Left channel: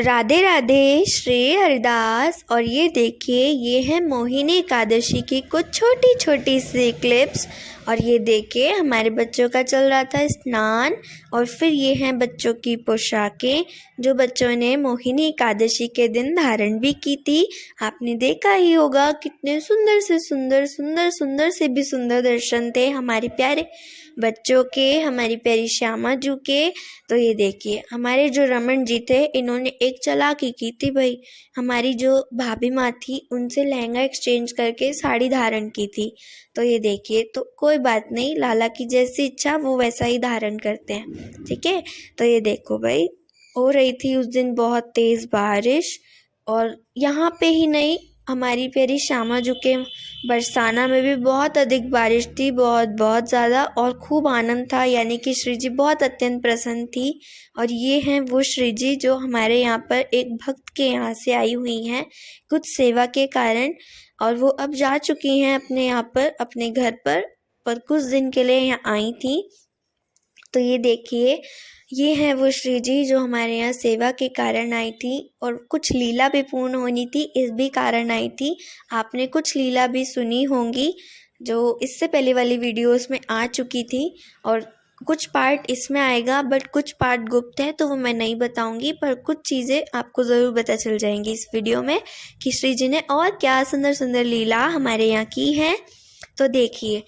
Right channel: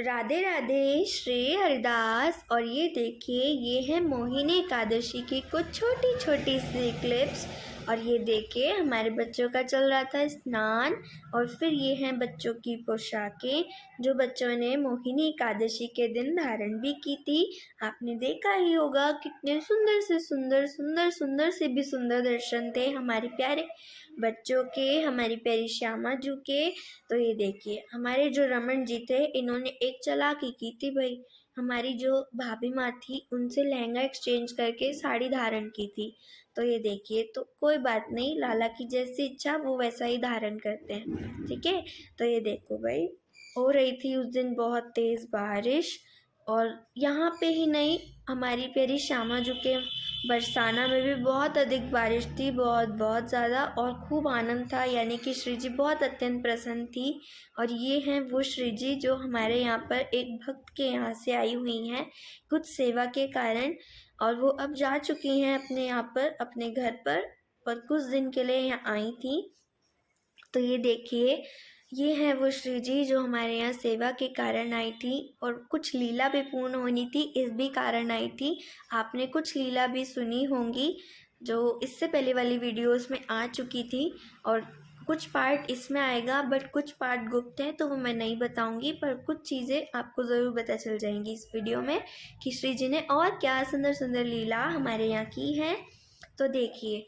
राधे राधे, श्रेय हरदास। और ये देखिए, ये है मोहिनी एकादशी की कुछ छोटी छोटी सी क्लिप्स। और ये देखिए, हमारे बच्चों का चल रहा था स्नान। और फिर ये हैं बच्चों की पोशाकें जो बच्चों ने मोहिनी एकादशी के दिन धारण भी की थी। आपने देखा ही होगा कितने सुंदर से सुंदर सुंदर सुंदर से भी सुंदर दर्शन थे हमारे प्यारे बच्चों के, हमारी प्यारी श्यामा जू के। तो ये देखिए, हमारे जो रमन जी थे, इन्होंने एक चालाकी की थी भाई। हमारी जो भाभी माँ थी, उनसे लहंगा एक्सचेंज करके साड़ी धारण की थी। तो ये देखिए, तो कोई बात नहीं, लाला की जैसी इच्छा वो वैसा ही धारण करते हैं, ठीक है। तो ये देखो भाई, हो रही थी उस दिन बहुत तेज़ बारिश। और यहाँ पे ही नहीं, हमारी प्यारी श्यामा जू के बरसाना में भी बहुत अधिक बारिश थी, बहुत बहुत ज़्यादा। और खूब आनंद था, यानी कि श्री जी बहुत अत्यंत प्रसन्न थी। और ये हैं वो श्री जी जो हमारे यहाँ पर एक भक्त के यहाँ से आई हुई हैं कुछ सेवा के कारण। और वो अब जा चुकी हैं अपने यहाँ पर, अपने घर पर कुछ दिन के लिए यहाँ आई थी। तो ये देखिए, ये है वो श्री जी जो हमारे यहाँ सेवा के कारण आई थी। और कुछ लीला भी पूर्ण होनी थी, इस भी कारण आई थी। आपने कुछ लीला भी सुनी होंगी जो इससे पहले वाली वीडियोस में आ चुकी थी। और कुछ पार्ट इसमें आएगा, बट कुछ पार्ट गुप्त है तो वो मैं नहीं बताऊंगी। पर कुछ चीज़ें आपको ज़रूर पता चल जाएंगी इस वीडियो में कि श्री जी ने और क्या सुंदर सुंदर लीला हमारे यहाँ की है। तो देखिए,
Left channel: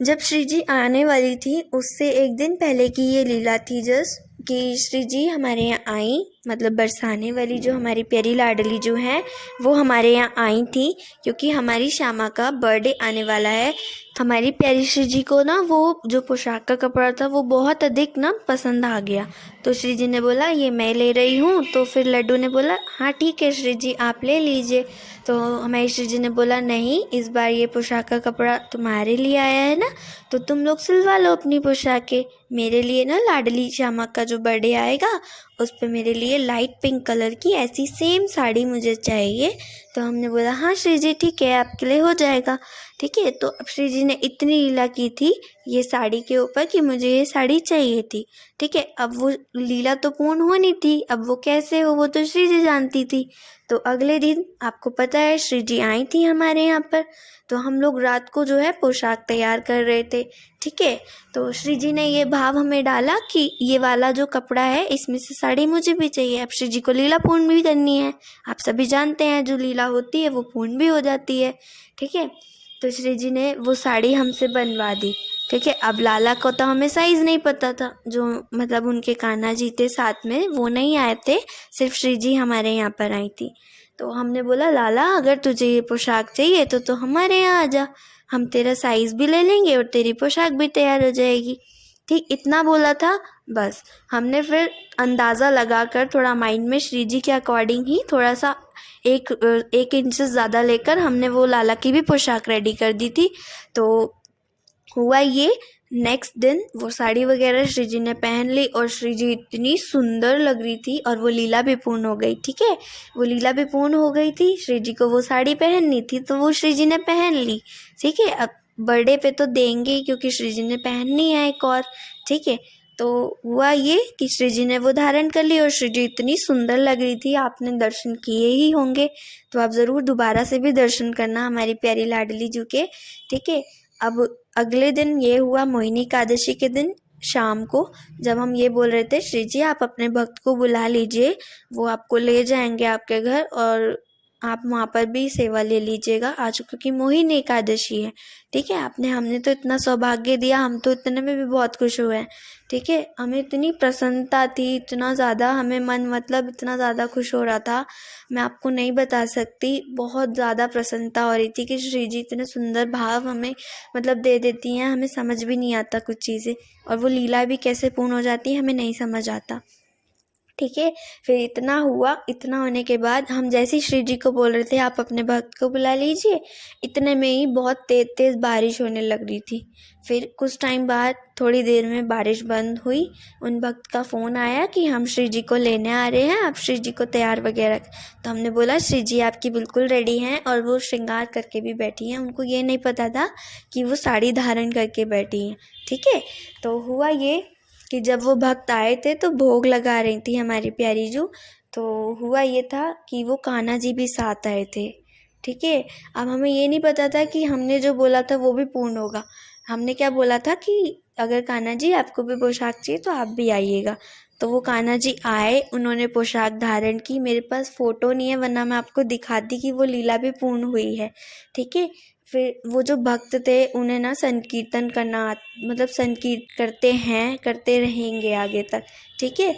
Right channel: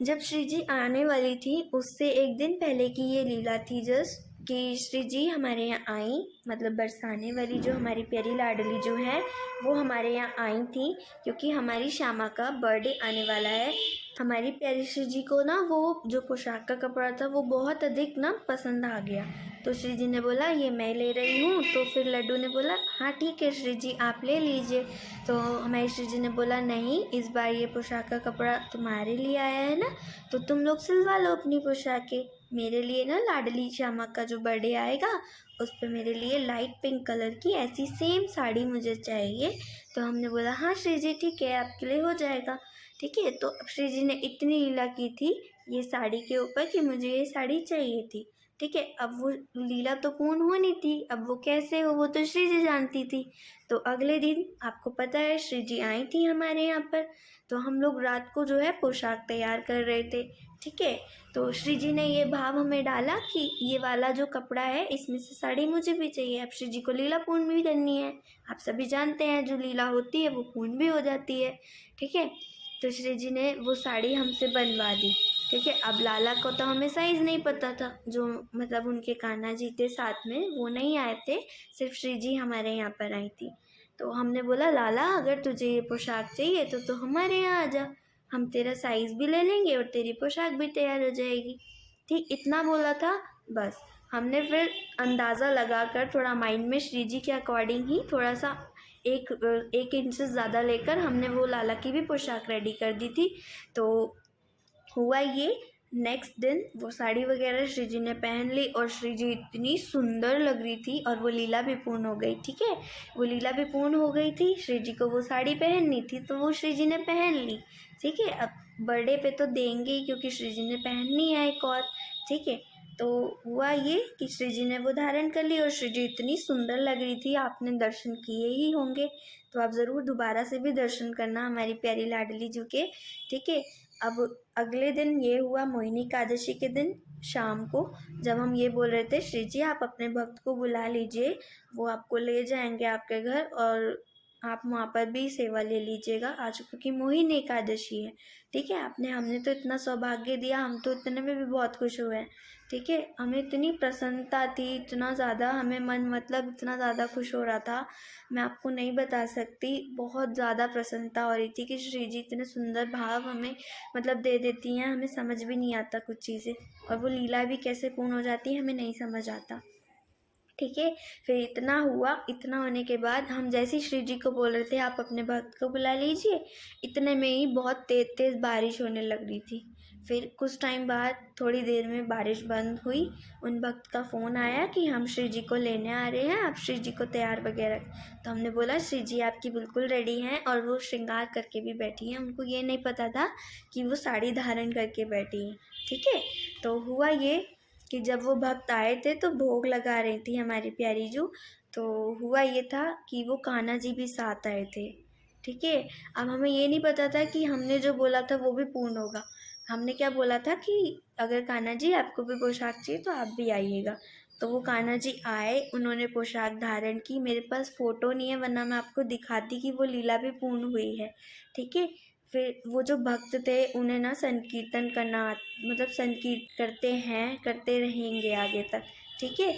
जब श्री जी आने वाली थी उससे एक दिन पहले की ये लीला थी जस्ट, कि श्री जी हमारे यहाँ आई, मतलब बरसाने वाली जो हमारी प्यारी लाडली जो है वो हमारे यहाँ आई थी। क्योंकि हमारी श्यामा का बर्थडे आने वाला है। हमारी प्यारी श्री जी को ना वो जो पोशाक का कपड़ा था वो बहुत अधिक ना पसंद आ गया। तो श्री जी ने बोला ये मैं ले रही हूँ। तो फिर लड्डू ने बोला हाँ ठीक है श्री जी, आप ले लीजिए। तो हमारी श्री जी ने बोला नहीं, इस बार ये पोशाक का कपड़ा तुम्हारे लिए आया है ना, तो तुम लोग सिलवा लो अपनी पोशाकें। मेरे लिए ना लाडली श्यामा का जो बर्थडे आएगा उस पर मेरे लिए लाइट पिंक कलर की ऐसी सेम साड़ी मुझे चाहिए। तो हमने बोला हाँ श्री जी ठीक है, आपके लिए हो जाएगा, ठीक है। तो अब श्री जी ने इतनी लीला की थी ये साड़ी के ऊपर कि मुझे ये साड़ी चाहिए थी, ठीक है। अब वो लीला तो पूर्ण होनी थी, अब वो कैसे हो वो तो श्री जी जानती थी। तो अगले दिन आपको पता है श्री जी आई थी हमारे यहाँ पर। तो हम लोग रात को जो है पोशाक तैयार कर रहे थे, ठीक है। तो श्री जी ने ये भाव हमें डाला कि ये वाला जो कपड़ा है इसमें से साड़ी मुझे भी चाहिए। अब श्री जी को लीला पूर्ण भी करनी है, आप सभी जानते हैं जो लीला होती है वो पूर्ण भी हो जाती है, ठीक है। तो श्री जी ने वो साड़ी हमसे बनवा दी, ठीक है। अब लाला को तो हमें साइज़ नहीं पता था, जो मतलब उनके कान्हा जी थे साथ में वो नहीं आए थे, सिर्फ श्री जी हमारे यहाँ पर आई थी। तो हमने बोला लाला अगर तुझे ये पोशाक चाहिए तो हमारे यहाँ आ जा, हम तेरा साइज़ भी ले लेंगे और तेरी पोशाक भी तैयार हो जाएगी, ठीक। इतना बोला था बस। हमने फिर अंदाज़ा लगाकर थोड़ा माइंड में श्री जी के अकॉर्डिंग ही थोड़ा सा एक इंच से ज़्यादा लेकर हमने वो लाला की भी पोशाक रेडी कर दी थी। तो हुआ ये, नेक्स्ट दिन वो साड़ी वगैरह श्री जी ने पहन ली और श्री जी इतनी सुंदर लग रही थी। और वो लीला भी पूर्ण हो गई, ठीक है। वो लीला भी पूर्ण हो गई थी, श्री जी को वो साड़ी पहननी थी तो वो श्री जी ने पहन ली, ठीक है। अब बर्थडे पे तो देंगे ही क्योंकि श्री जी ने पहननी है एक और, ठीक है। तो हुआ ये कि श्री जी ने वो धारण कर ली और श्री जी इतनी सुंदर लग रही थी, आपने दर्शन किए ही होंगे तो आप ज़रूर दोबारा से भी दर्शन करना हमारी प्यारी लाडली जी के, ठीक है। अब अगले दिन ये हुआ मोहिनी एकादशी के दिन शाम को, जब हम ये बोल रहे थे श्री जी आप अपने भक्त को बुला लीजिए, वो आपको ले जाएंगे आपके घर और आप वहाँ पर भी सेवा ले लीजिएगा आज, क्योंकि मोहिनी एकादशी है, ठीक है। हमने तो इतना सौभाग्य दिया, हम तो इतने में भी बहुत खुश हुए हैं, ठीक है। हमें इतनी प्रसन्नता थी, इतना ज़्यादा हमें मन मतलब इतना ज़्यादा खुश हो रहा था, मैं आपको नहीं बता सकती। बहुत ज़्यादा प्रसन्नता हो रही थी कि श्री जी इतने सुंदर भाव हमें मतलब दे देती हैं, हमें समझ भी नहीं आता कुछ चीज़ें, और वो लीला भी कैसे पूर्ण हो जाती है हमें नहीं समझ आता, ठीक है। फिर इतना हुआ, इतना होने के बाद हम जैसे ही श्री जी को बोल रहे थे आप अपने भक्त को बुला लीजिए, इतने में ही बहुत तेज़ तेज़ बारिश होने लग रही थी। फिर कुछ टाइम बाद थोड़ी देर में बारिश बंद हुई, उन भक्त का फ़ोन आया कि हम श्री जी को लेने आ रहे हैं, आप श्री जी को तैयार वगैरह। तो हमने बोला श्री जी आपकी बिल्कुल रेडी हैं, और वो श्रृंगार करके भी बैठी हैं, उनको ये नहीं पता था कि वो साड़ी धारण करके बैठी हैं, ठीक है। तो हुआ ये कि जब वो भक्त आए थे तो भोग लगा रही थी हमारी प्यारी जू, तो हुआ ये था कि वो कान्हा जी भी साथ आए थे। ठीक है, अब हमें ये नहीं पता था कि हमने जो बोला था वो भी पूर्ण होगा। हमने क्या बोला था कि अगर कान्हा जी आपको भी पोशाक चाहिए तो आप भी आइएगा। तो वो कान्हा जी आए, उन्होंने पोशाक धारण की। मेरे पास फ़ोटो नहीं है, वरना मैं आपको दिखाती कि वो लीला भी पूर्ण हुई है। ठीक है, फिर वो जो भक्त थे उन्हें ना संकीर्तन करना मतलब संकीर्तन करते हैं, करते रहेंगे आगे तक। ठीक है,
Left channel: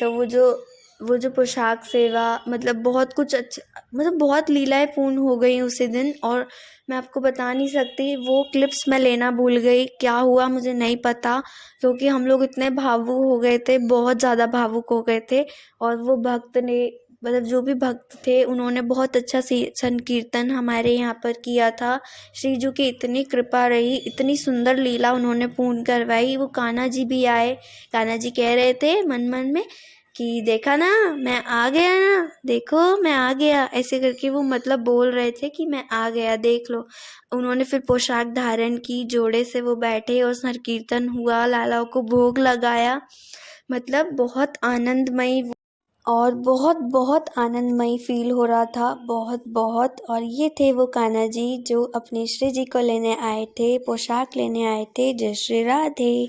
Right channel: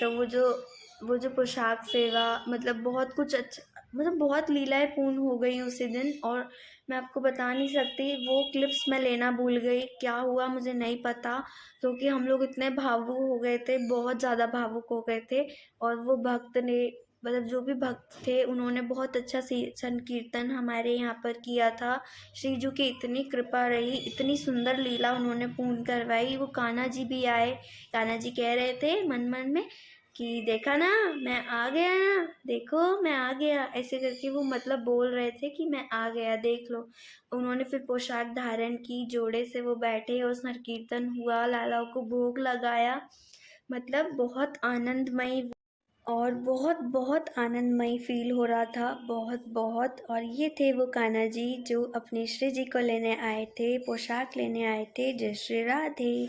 तो वो जो पोशाक सेवा मतलब बहुत कुछ अच्छा, मतलब बहुत लीलाएं पूर्ण हो गई उसी दिन। और मैं आपको बता नहीं सकती, वो क्लिप्स मैं लेना भूल गई। क्या हुआ मुझे नहीं पता, क्योंकि हम लोग इतने भावुक हो गए थे, बहुत ज़्यादा भावुक हो गए थे। और वो भक्त ने मतलब जो भी भक्त थे उन्होंने बहुत अच्छा संकीर्तन हमारे यहाँ पर किया था। श्री जी की इतनी कृपा रही, इतनी सुंदर लीला उन्होंने पूर्ण करवाई। वो कान्हा जी भी आए। कान्हा जी कह रहे थे मन मन में कि देखा ना, मैं आ गया ना, देखो मैं आ गया, ऐसे करके वो मतलब बोल रहे थे कि मैं आ गया, देख लो। उन्होंने फिर पोशाक धारण की, जोड़े से वो बैठे और संकीर्तन हुआ, लालाओं को भोग लगाया। मतलब बहुत आनंदमयी और बहुत बहुत आनंदमयी फील हो रहा था, बहुत बहुत। और ये थे वो कान्हा जी जो अपने श्री जी को लेने आए थे, पोशाक लेने आए थे। जय श्री राधे।